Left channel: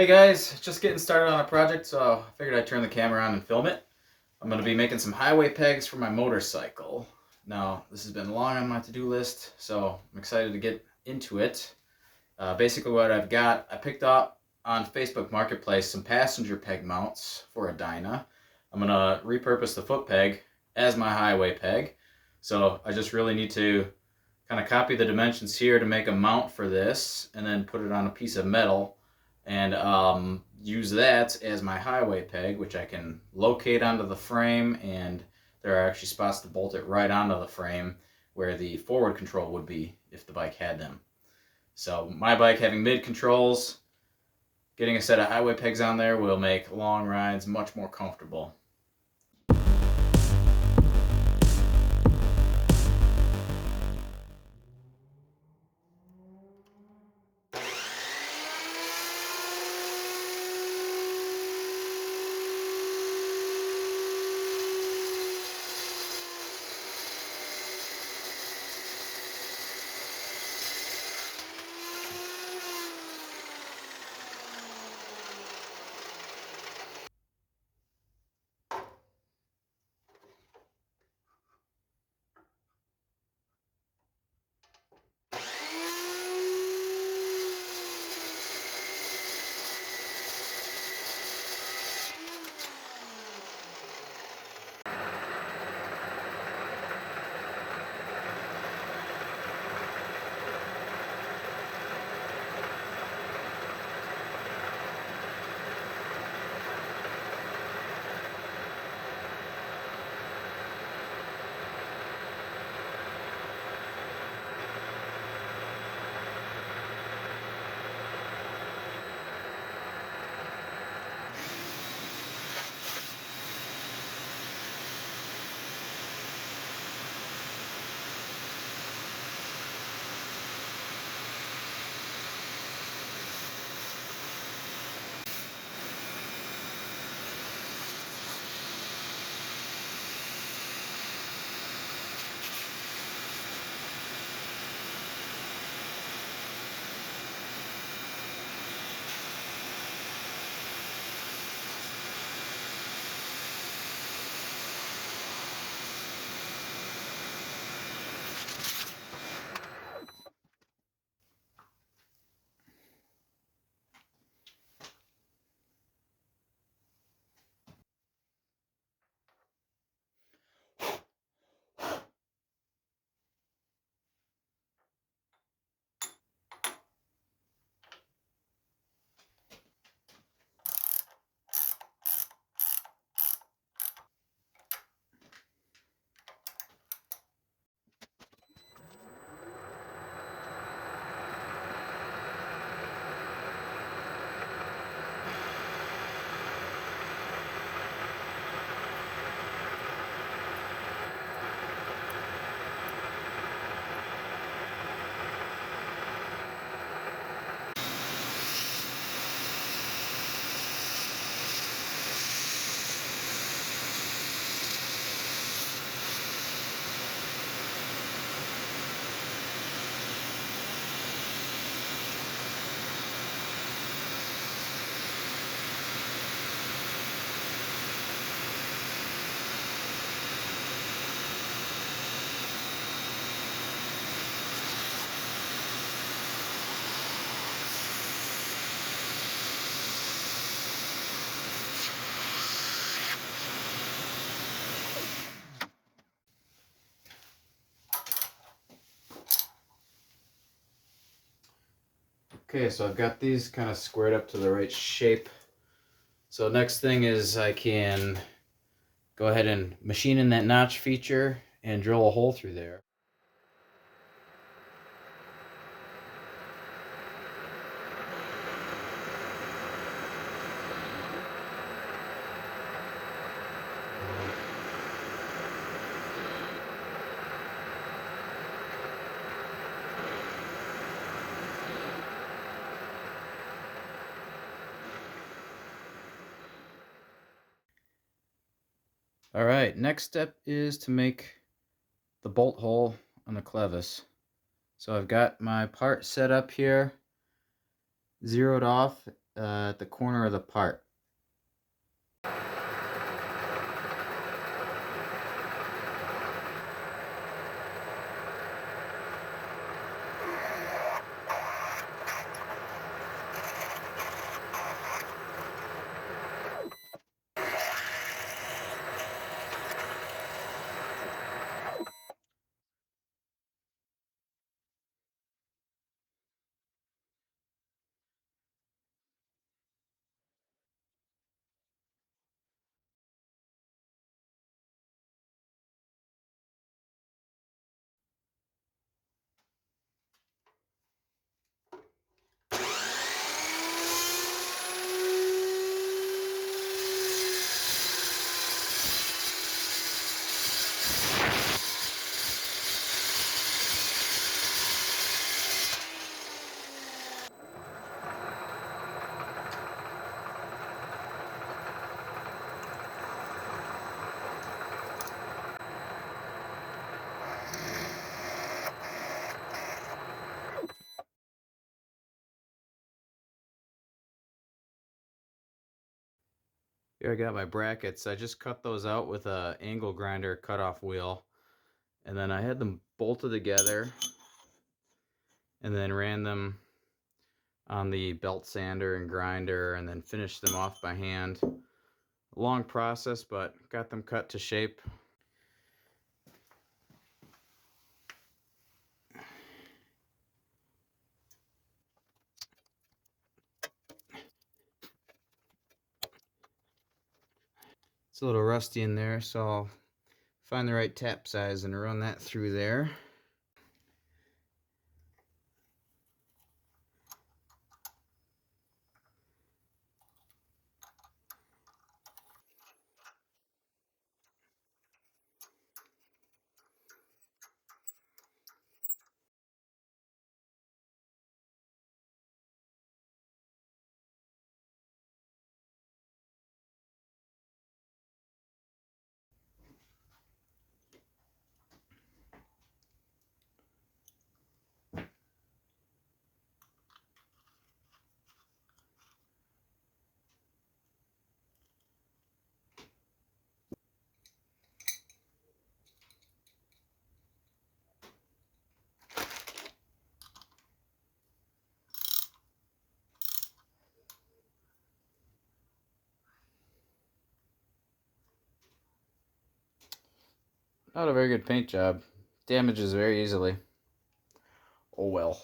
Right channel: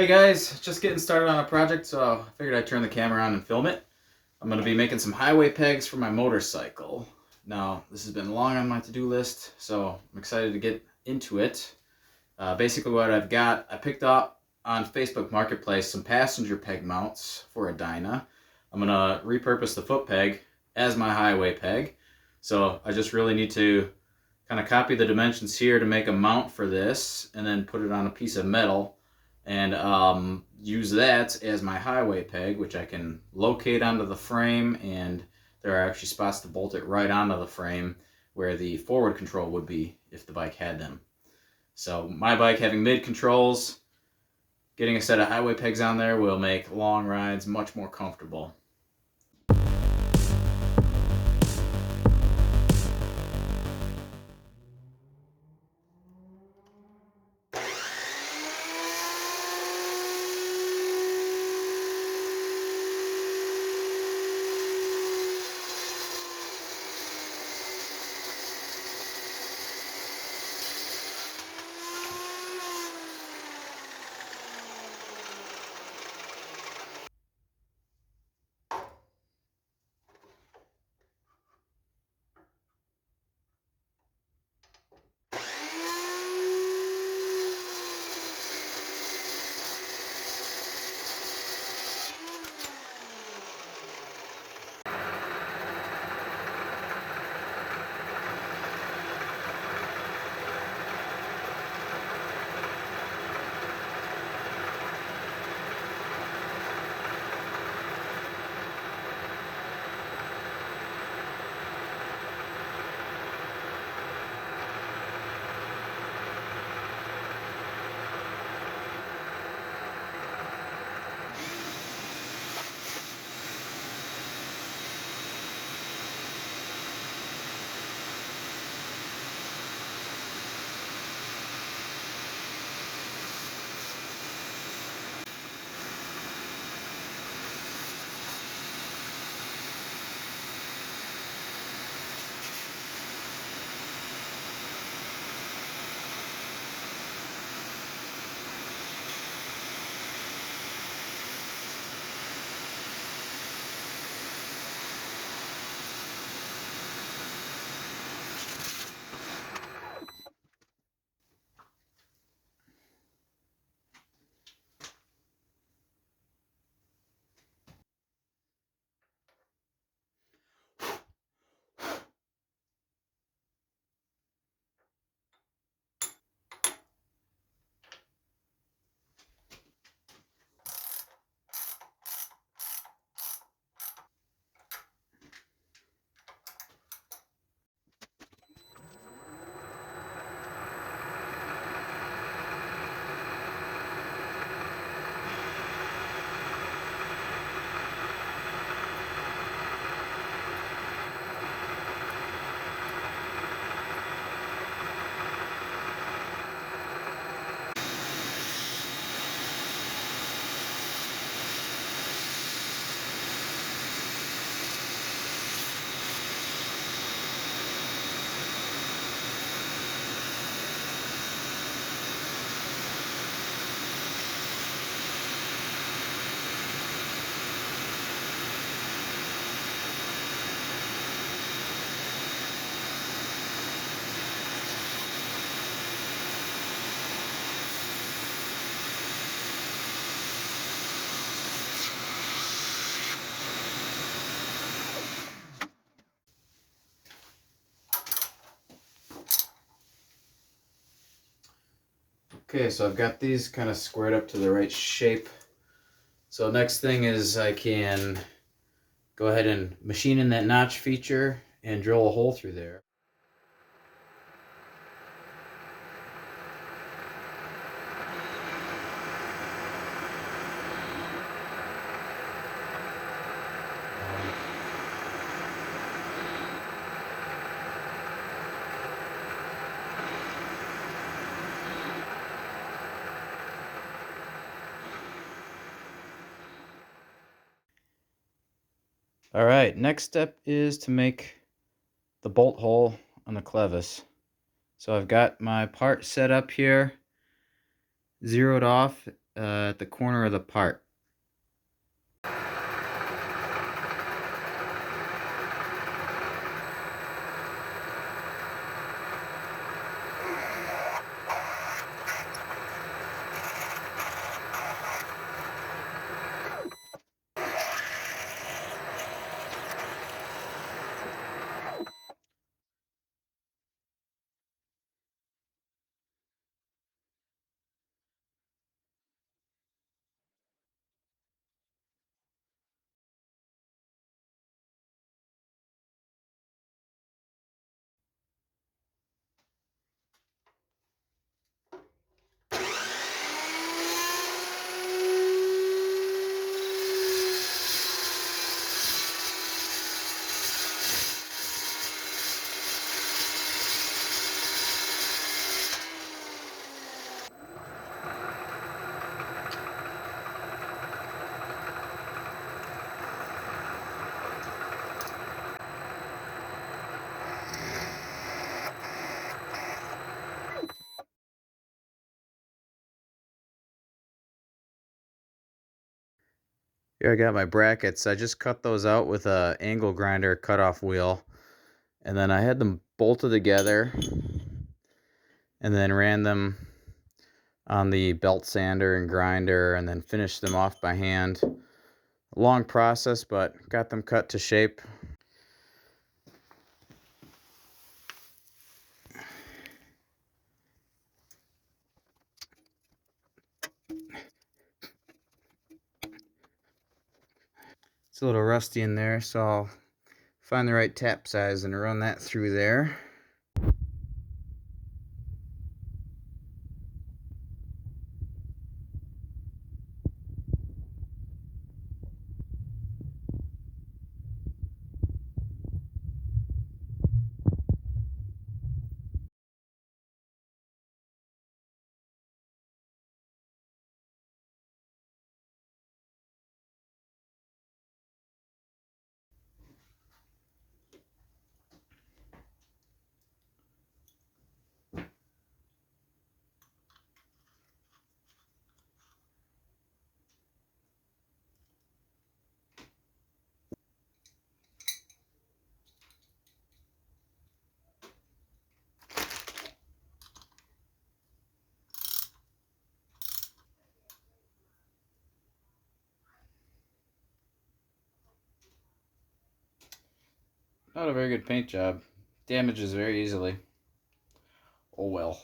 Hey guys, just getting started on a project, so I figured I'd turn the camera on and film it. I'm going to be making some highway pegs for my motorcycle. Now, this has been long on my to-do list, so I'm excited to get into it. Basically what I've got, I picked up on Facebook Marketplace some passenger peg mounts for a Dyna. I'm going to repurpose the foot peg as my highway peg. So I just really need to kind of copy the dimensions here to make a mount for this, and then put it on a piece of metal and use that as my highway peg, which I can locate onto the frame, and there are actually spots to bolt it right onto the frame where the forward control would be if the bike had them. So my bike having mid controls, getting a set of highway pegs on there will make long rides much more comfortable. Okay, so I've got these kind of squared up to the right shape. So next thing is I can go ahead and machine in that notch feature and drill a hole through there. All right, next step is to make the bolt hole on the clevis. So I've got my part set up here, zeroed off at the corner of the part. Here I got my brackets. I just cut those out with a angle grinder cutoff wheel. And then I had them bolted together and then ran them on the belt sander and grinder and then finished them off by hand. A long process, but got them cut to shape. It's a little rusty in there, so I'll find the right tap size and run that through there. Not a very good paint job. Damages very easily. Oh well.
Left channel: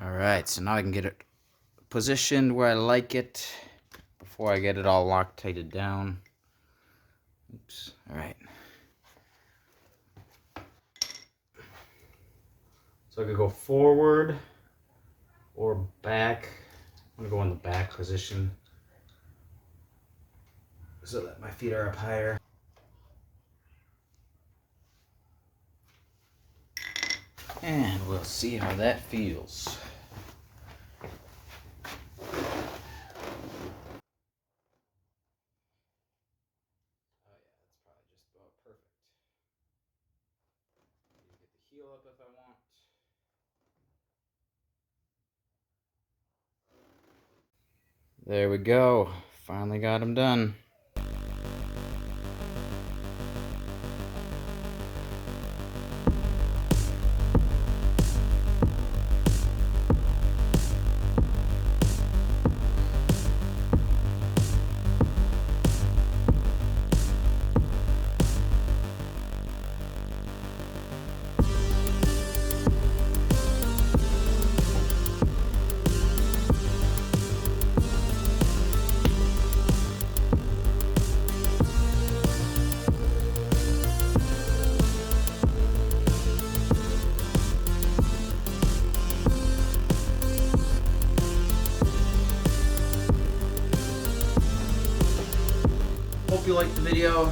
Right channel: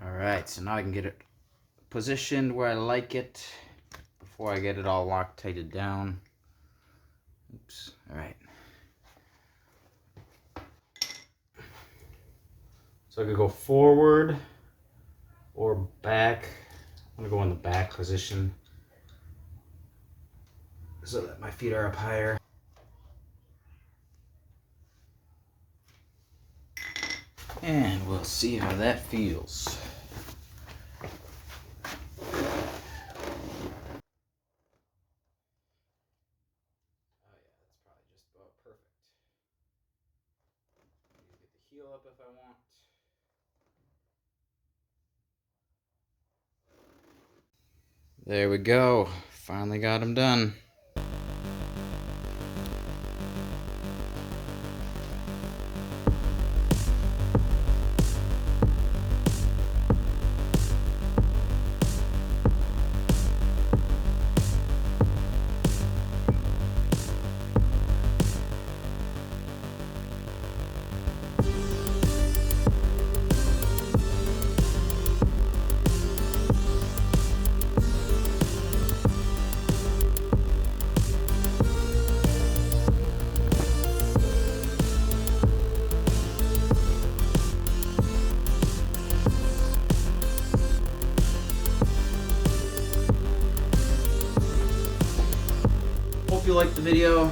Alright, so now I can get it positioned where I like it before I get it all Loctited down. Oops. Alright. So I could go forward or back. I'm going to go in the back position so that my feet are up higher. And we'll see how that feels. Oh yeah, that's probably just about perfect. Need to get the heel up if I want. There we go. Finally got them done. Hope you liked the video.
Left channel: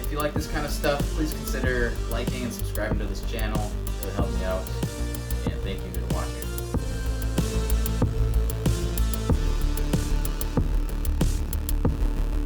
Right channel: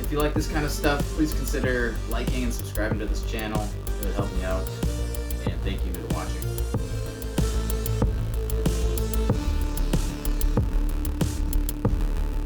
If you like this kind of stuff, please consider liking and subscribing to this channel. It would help me out. And thank you for watching.